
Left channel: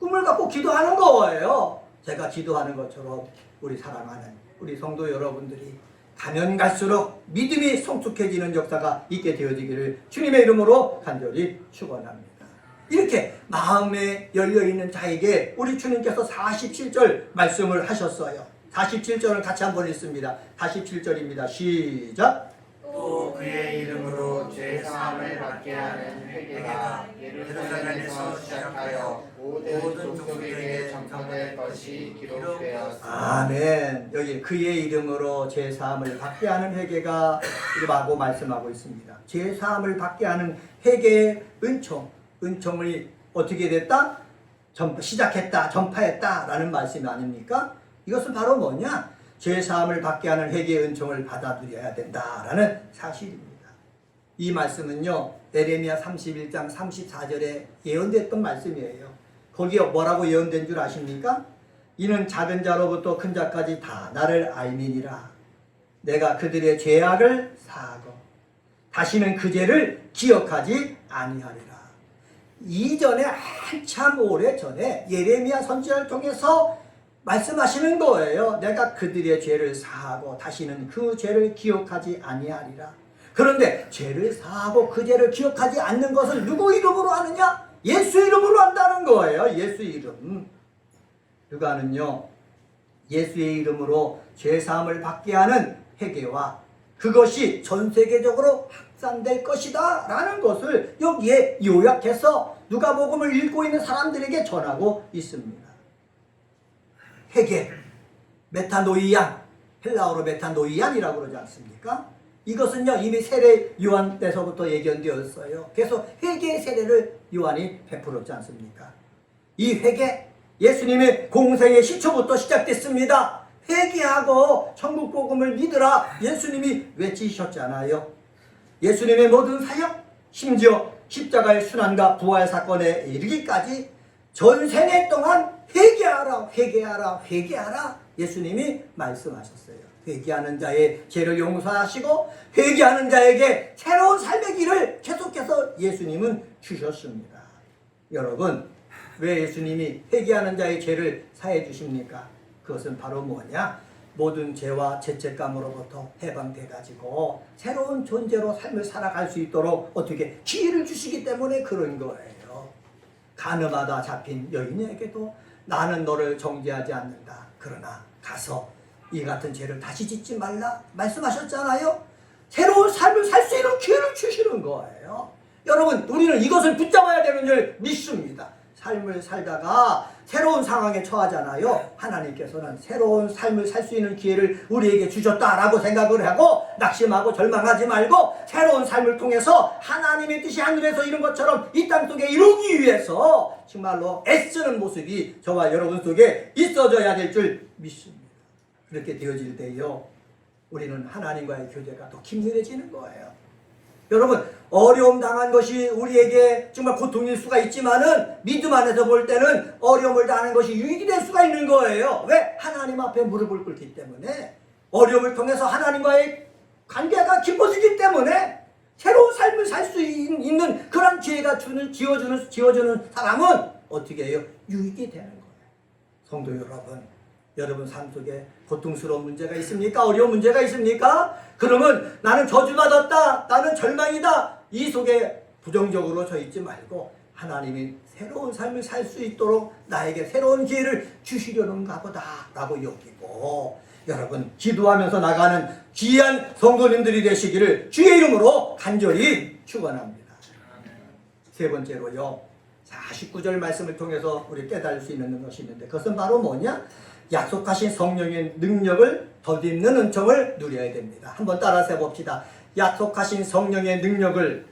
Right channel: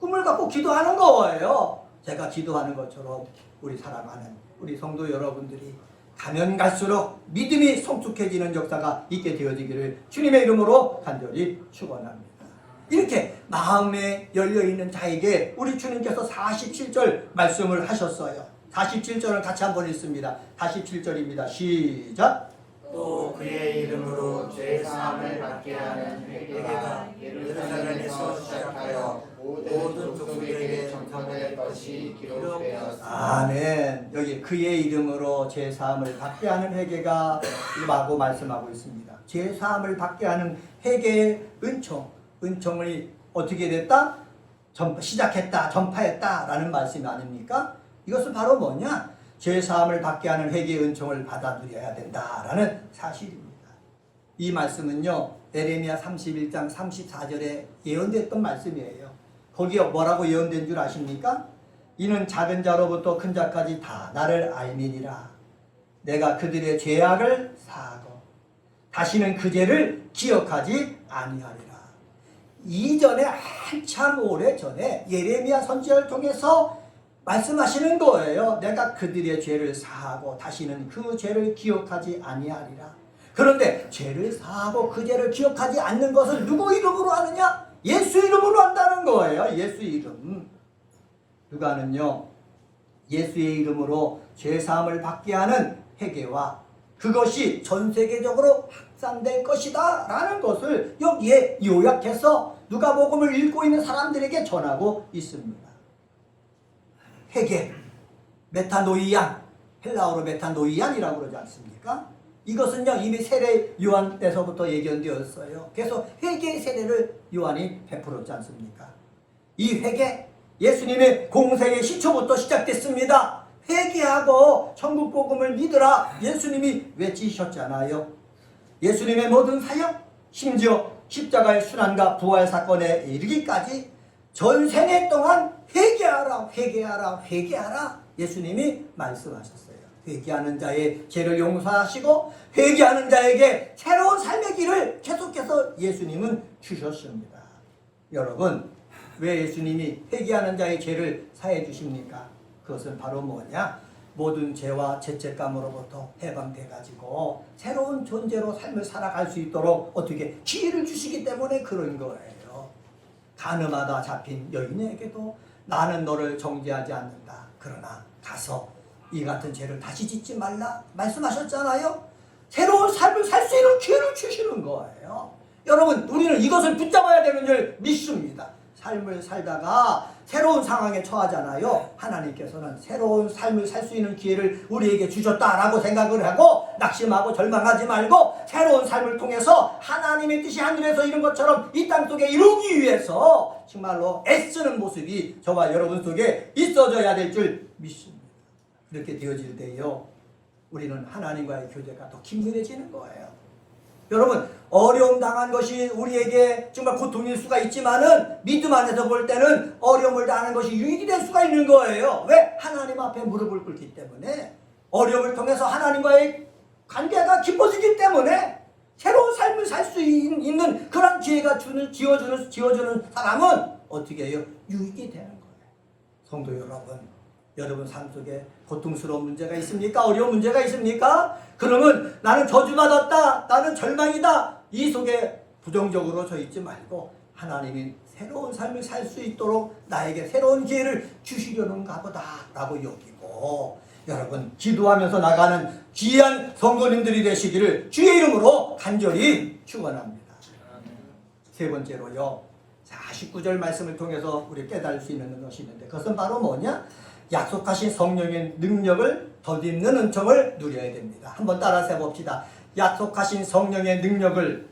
꿈을 갖고 기도하는 거예요. 제가 기도하는 것처럼 우리 사랑하는 우리 성도 여러분들이 가면 갈수록 믿음이 성숙해지는 역사가 있게 되어지기를 주님의 이름으로 간절히 축원합니다. 이렇게 마음에 열려있는 자에게 우리 주님께서 47절 말씀을 하셨어요. 47절을 같이 한번 읽습니다. 47절입니다. 시작. 또 그의 이름으로 죄 사함을 받게 하는 회개가 예루살렘에서 시작하여 모든 족속에게 전파될 것이 기록되었습니다. 아멘. 여기 그의 이름으로 죄 사함을 받게 하는 회개가 라고 말씀하고 있습니다. 죄 사함을 받게 하는 회개의 은총이 어떻게 됐다? 시작했다, 전파했다라는 말씀이 아닙니까? 이것은 바로 뭐냐? 죄사함을 받게 하는 회개의 은총을 받아 누려야 된다라는 사실입니다. 이 말씀은요, 에레미야 31장 34절에 예언됐던 말씀이에요. 거기에 뭐라고 예언된 줄 아십니까? 이는 작은 자로부터 큰 자까지 다 나를 알미니라. 내가 그들의 죄악을 사하고 다시는 그 죄를 기억하지 아니하리라. 이전에 한참 오래 전에 예레미야 선지자를 통해서 말씀하시는 거예요. 내가 그들의 죄를 사하고 다시는 그 죄를 기억하지 아니하리라. 그런데 죄를 사하고 그 죄를 기억하지 않는 것을 누구 이름으로 하느냐? 예수 이름으로 한다는 거예요. 예수 이름. 누가는요, 예수의 이름으로 죄사함을 받게 하는 회개와 그것이 전 세계적으로 확산될 것이다 라는 것을 여기에 요약해서 누가복음을 읽고 있는 사람들에게 전하고 있습니다. 회개, 메타노이안, 헬라어로 메타노이안이라고 그러지 않습니까? 이것은요, 이미 세례 요한 때서부터 예견되었어요. 그래서 회개의 세례를 요한이 베풀었지 않습니까? 이 회개, 예수님의 공생의 시초부터 시작됐습니다. 회개하고 천국 복음을 믿으라 예수님이 외치셨잖아요. 예수님의 모든 사역, 심지어 십자가의 순환과 부활 사건에 이르기까지 전 생애 동안 회개하라, 회개하라, 회개하라 예수님이 말씀하셨어요. 회개하는 자의 죄를 용서하시고 회개하는 자에게 새로운 삶의 길을 계속해서 예수님은 주셨습니다. 여러분, 왜 예수님이 회개하는 자의 죄를 사해 주십니까? 그것은 바로 뭐냐? 모든 죄와 죄책감으로부터 해방돼 가지고 새로운 존재로 삶을 살아갈 수 있도록 어떻게 기회를 주시기 때문에 그런 거예요. 가늠하다 잡힌 여인에게도 나는 너를 정죄하지 않는다. 그러나 가서 이 같은 죄를 다시 짓지 말라 말씀하셨잖아요. 새로운 삶을 살 수 있는 기회를 주시는 거예요. 여러분, 우리는 이것을 붙잡아야 되는 줄 믿습니다. 삶을 살다가 새로운 상황에 처하잖아요. 하나님께서는 새로운 삶을 살 수 있는 기회를 우리에게 주셨다라고 생각을 하고 낙심하고 절망하지 말고 새로운 삶을 통해서 하나님의 뜻이 하늘에서 이룬 것처럼 이 땅 속에 이루기 위해서 정말로 애쓰는 모습이 저와 여러분 속에 있어져야 될 줄 믿습니다. 그렇게 되어질 때요, 우리는 하나님과의 교제가 더 긴밀해지는 거예요. 여러분, 어려움 당한 것이 우리에게 정말 고통일 수가 있지만은 믿음 안에서 볼 때는 어려움을 당하는 것이 유익이 될 수가 있는 거예요. 왜? 하나님 앞에 무릎을 꿇기 때문에, 어려움을 통해서 하나님과의 관계가 깊어지기 때문에 새로운 삶을 살 수 있는 그런 기회가 지어주는 사람은 어떻게 해요? 유익이 되는 거예요. 성도 여러분, 여러분 삶 속에 고통스러운 문제가 있습니까? 어려운 문제가 있습니까? 그러면 나는 저주받았다, 나는 절망이다, 이 속에 부정적으로 서 있지 말고 하나님이 새로운 삶을 살 수 있도록 나에게 새로운 기회를 주시려는가 보다 라고 여기고, 여러분 기도하면서 나가는 귀한 성도님들이 되시기를 주의 이름으로 간절히 축원합니다. 세 번째로요, 49절 말씀을 통해서 우리 깨달을 수 있는 것이 있는데, 그것은 바로 뭐냐? 약속하신 성령의 능력을 덧입는 은총을 누려야 됩니다. 한번 따라서 해봅시다. 약속하신 성령의 능력을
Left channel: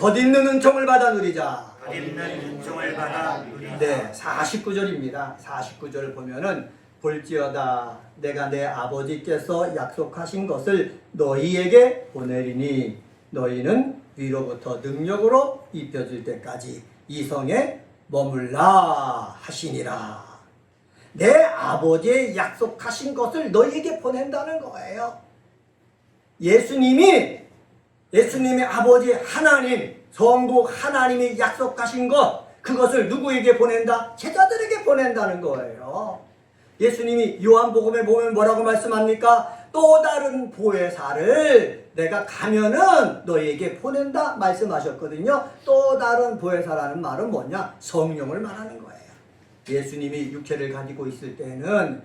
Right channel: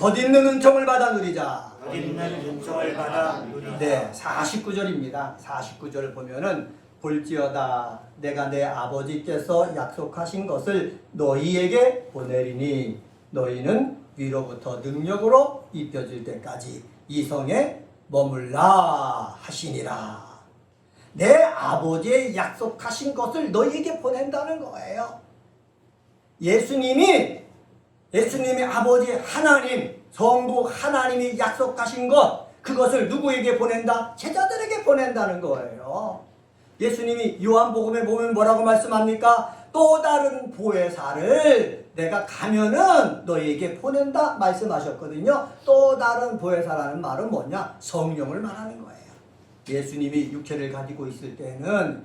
덧입는 은총을 받아 누리자. 네, 49절입니다. 49절을 보면은 볼지어다 내가 내 아버지께서 약속하신 것을 너희에게 보내리니 너희는 위로부터 능력으로 입혀질 때까지 이 성에 머물라 하시니라. 내 아버지의 약속하신 것을 너희에게 보낸다는 거예요. 예수님의 아버지 하나님, 성부 하나님이 약속하신 것, 그것을 누구에게 보낸다? 제자들에게 보낸다는 거예요. 예수님이 요한복음에 보면 뭐라고 말씀합니까? 또 다른 보혜사를 내가 가면은 너희에게 보낸다 말씀하셨거든요. 또 다른 보혜사라는 말은 뭐냐? 성령을 말하는 거예요. 예수님이 육체를 가지고 있을 때는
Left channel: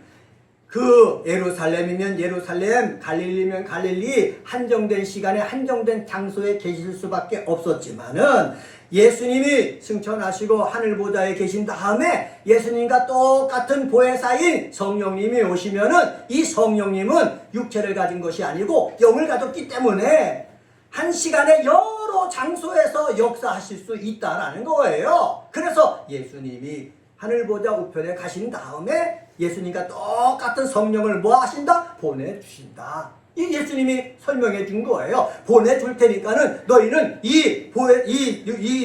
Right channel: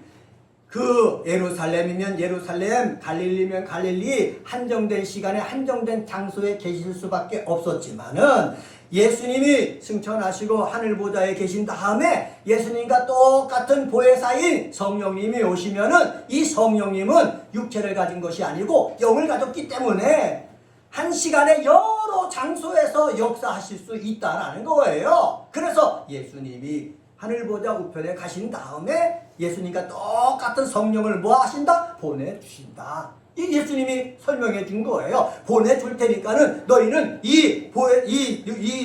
그 예루살렘이면 예루살렘, 갈릴리면 갈릴리, 한정된 시간에 한정된 장소에 계실 수밖에 없었지만은 예수님이 승천하시고 하늘보좌에 계신 다음에 예수님과 똑같은 보혜사인 성령님이 오시면은 이 성령님은 육체를 가진 것이 아니고 영을 가졌기 때문에 한 시간에 여러 장소에서 역사하실 수 있다라는 거예요. 그래서 예수님이 하늘보좌 우편에 가신 다음에 예수님과 똑같은 성령을 뭐 하신다? 보내주신다. 이 예수님이 설명해 준 거예요. 보내줄 테니까는 너희는 이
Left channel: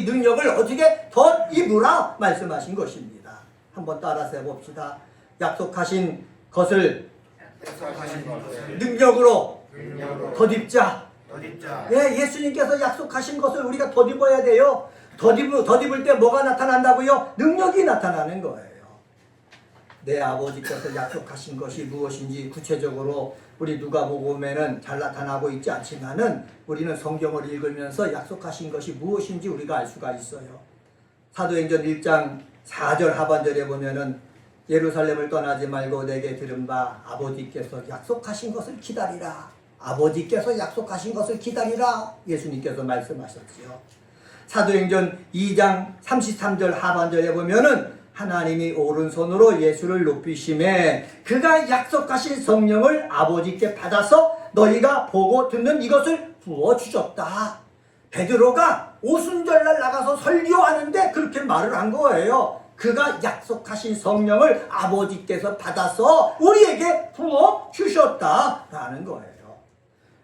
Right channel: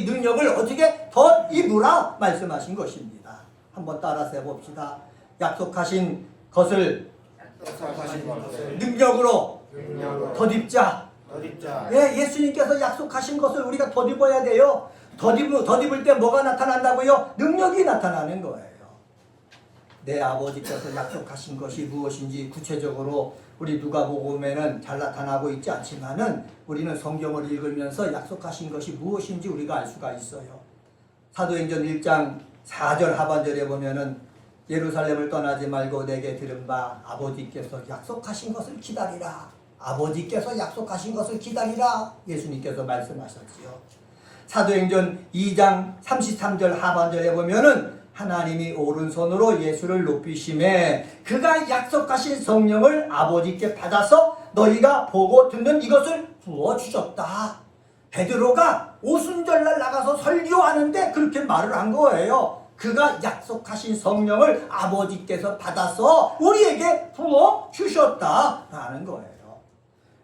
능력을 어떻게 더 입으라 말씀하신 것입니다. 한번 따라서 해봅시다. 약속하신 것을 능력으로 덧입자. 예, 예수님께서 약속하신 것을 우리가 덧입어야 돼요. 덧입을 때 뭐가 나타난다고요? 능력이 나타나는 거예요. 내 아버지께서 약속하신 것이 무엇인지 구체적으로 우리 누가복음에는 잘 나타나고 있지 않지만은 우리는 성경을 읽으면서 약속하신 것이 무엇인지 우리가 알 수가 있어요. 사도행전 1장 4절 하반절에 보면은 예루살렘을 떠나지 말고 내게 들은 바 아버지께서 약속하신 것을 기다리라. 아버지께서 약속하신 것을 기다리라. 예수님께서 말씀하셨지요. 사도행전 2장 33절 하반절에 보면은 하나님이 오른손으로 예수를 높이심에 그가 약속하신 성령을 아버지께 받아서 너희가 보고 듣는 이것을 부어주셨다. 베드로가 오순절날 나가서 설교하는데 그렇게 말을 한 거예요. 그가 약속하신 성령을 아버지께서 받아서 우리에게 부어 주셨다라는 거예요.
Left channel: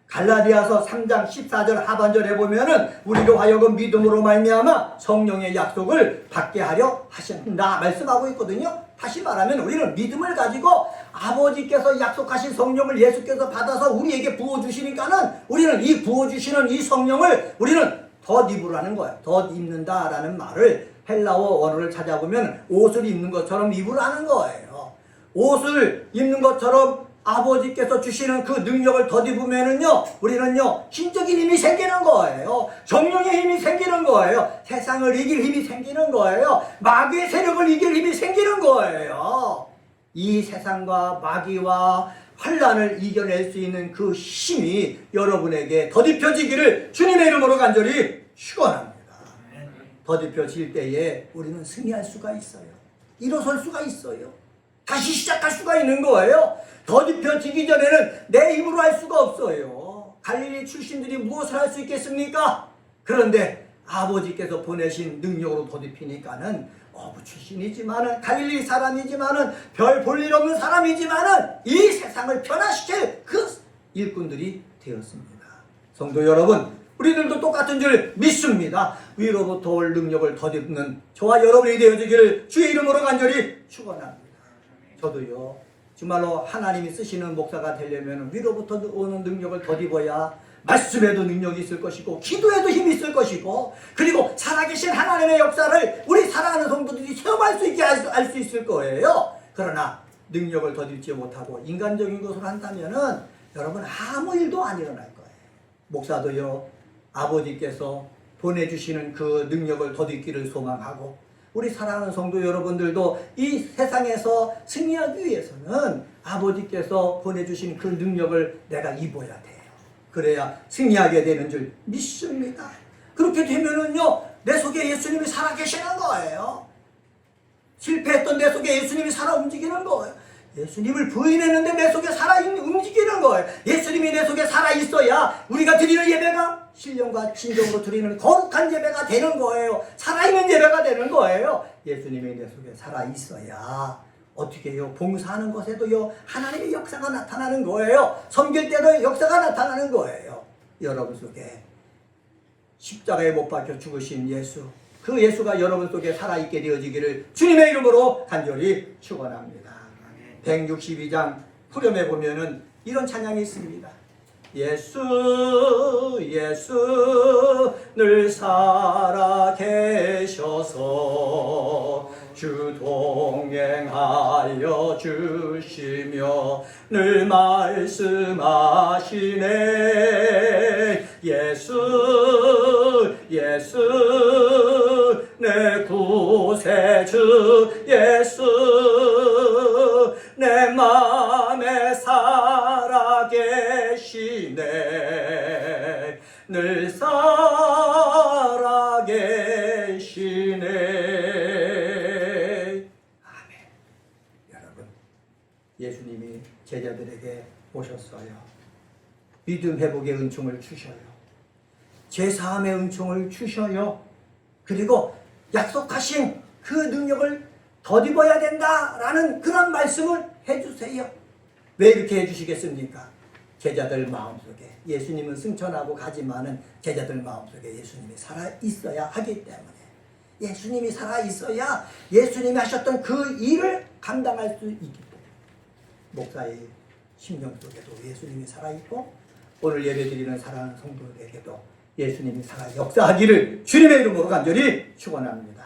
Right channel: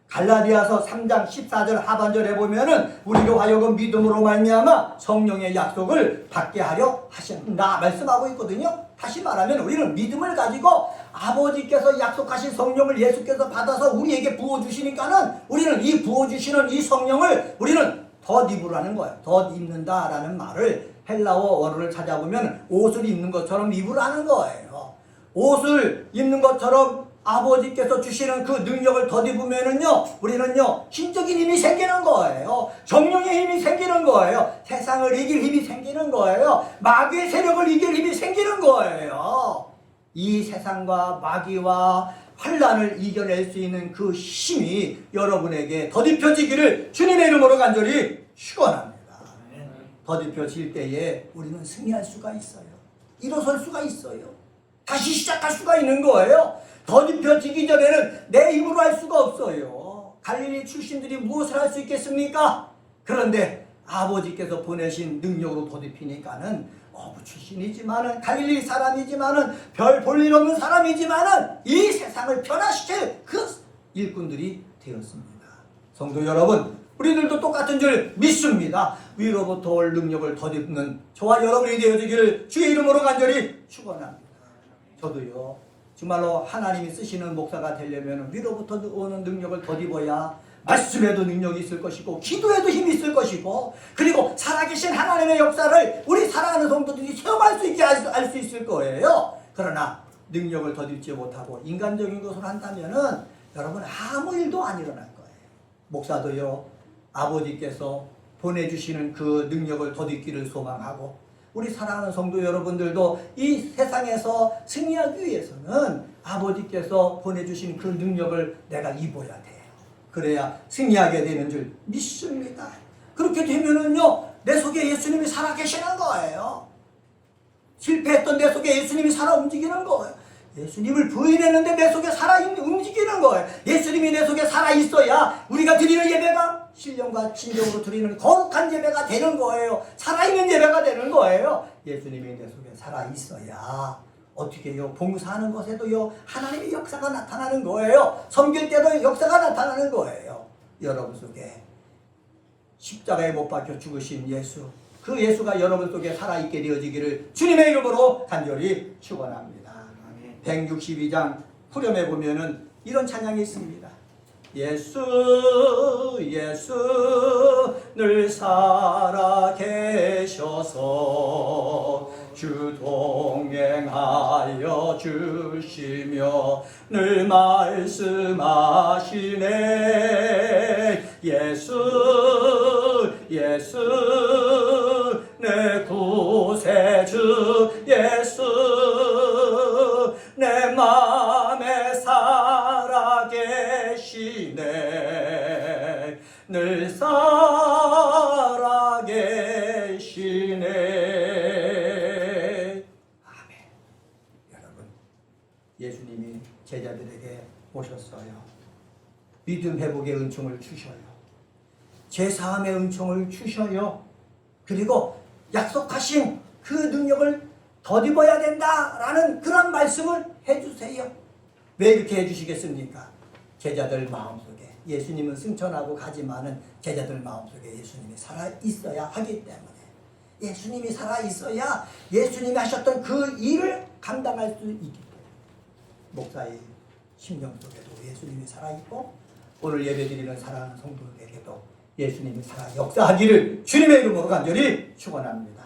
갈라디아서 3장 14절 하반절에 보면은 우리로 하여금 믿음으로 말미암아 성령의 약속을 받게 하려 하신다 말씀하고 있거든요. 다시 말하면 우리는 믿음을 가지고 아버지께서 약속하신 성령을 예수께서 받아서 우리에게 부어주시니까는 우리는 이 부어주시는 이 성령을 우리는 덧입으라는 거예요. 덧입는다라는 말을 헬라어 원어를 찾아보면 옷을 입는 것처럼 입으라는 거예요. 옷을 입는 것처럼 아버지께서 주시는 그 능력을 덧입으면은요, 우리는요, 신적인 힘이 생기는 거예요. 정령의 힘이 생기는 거예요. 세상을 이길 힘이 생기는 거예요. 마귀의 세력을 이길 힘이 생기는 거예요. 이 세상과 마귀와 환란을 이겨낼 수 있는 그 힘이 여러분에게 덧입혀지기를 주님의 이름으로 간절히 축원합니다. 덧입혀질 때에 우리는 승리할 수가 있어요. 일어설 수가 있어요. 다시 시작할 수가 있는 거예요. 덧입혀지기 전에는 내 힘으로 할 수가 없어요. 갈릴리 출신들이 무엇을 할 수 있겠습니까? 그런데 아버지께서 보내신 능력으로 덧입히니까는 어부 출신이지만은 갈릴리 사람이지만은 별 볼 일 없는 사람이지만은 이 세상을 변화시킬 그 일꾼들이 되었습니다. 성도 여러분, 우리들도 똑같은 줄 믿습니다. 위로부터 올 능력을 덧입는 저와 여러분이 되어지기를 주의 이름으로 간절히 축원합니다. 저도요, 정말로 하나님이 쓰시는 목사가 되려면 위로부터 오는 능력을 덧입어야 말씀에도 능력이 있을 것이고 기도에도 힘이 있을 것이고 그리고 살아계신 하나님의 역사를 우리 사랑하는 성도들이 체험할 수 있게 할 수 있을 거예요. 그러나 능력을 덧입지 못하고 인간적인 것을 한다면은 여러분 아무 일도 안 일어날 거예요. 목사도요, 아버지께서 보내주시는 그 능력을 덧입기를 소망하고 우리 사랑하는 성도 여러분들도 이 세상에서 승리하기 위해서는 아버지께서 보내주신 그 능력을 내가 입어야 돼요. 그래야 승리하게 되는 줄 믿습니다. 그렇게 되면은요, 내 속에 예수님이 살아계시는 거예요. 실패했던 내 속에 예수님이 살아 움직이는 거예요. 예수님을 부인했는데 내 속에 살아 움직이는 거예요. 예수님이 내 속에 살아 있어야 우리가 드리는 예배가 신령과 진정으로 드리는 거룩한 예배가 되는 거예요. 살아있는 예배가 되는 거예요. 예수님이 내 속에 살아 있어야 어떻게 해요? 봉사하는 것에도요, 하나님의 역사가 나타나는 거예요. 섬길 때도 역사가 나타나는 거예요. 여러분 속에 십자가에 못 박혀 죽으신 예수, 그 예수가 여러분 속에 살아있게 되어지기를 주님의 이름으로 간절히 축원합니다. 162장 후렴에 보면은 이런 찬양이 있습니다. 예수 예수 늘 살아계셔서 주 동행하여 주시며 늘 말씀하시네. 예수 예수 내 구세주 예수 내 맘에 살아계시네. 늘 살아계시네. 아멘. 여러분, 예수님이 제자들에게 오셨어요. 믿음 회복의 은총을 주셔요. 제사함의 은총을 주셔요. 그리고 약속하신 그 능력을 덧입어야 된다라는 그런 말씀을 해주세요. 왜 이렇게 해주시겠습니까? 제자들 마음속에 예수님은 승천하고 가지만은 제자들 마음속에 예수님이 살아있어야 하기 때문에 예수님이 살아있어야 예수님이 하셨던 그 일을 감당할 수 있기 때문에 목사의 심령 속에도 예수님이 살아있고 오늘 예배드리는 사랑하는 성도들에게도 예수님이 살아 역사하기를 주님의 이름으로 간절히 축원합니다.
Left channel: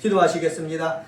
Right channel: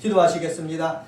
기도하시겠습니다.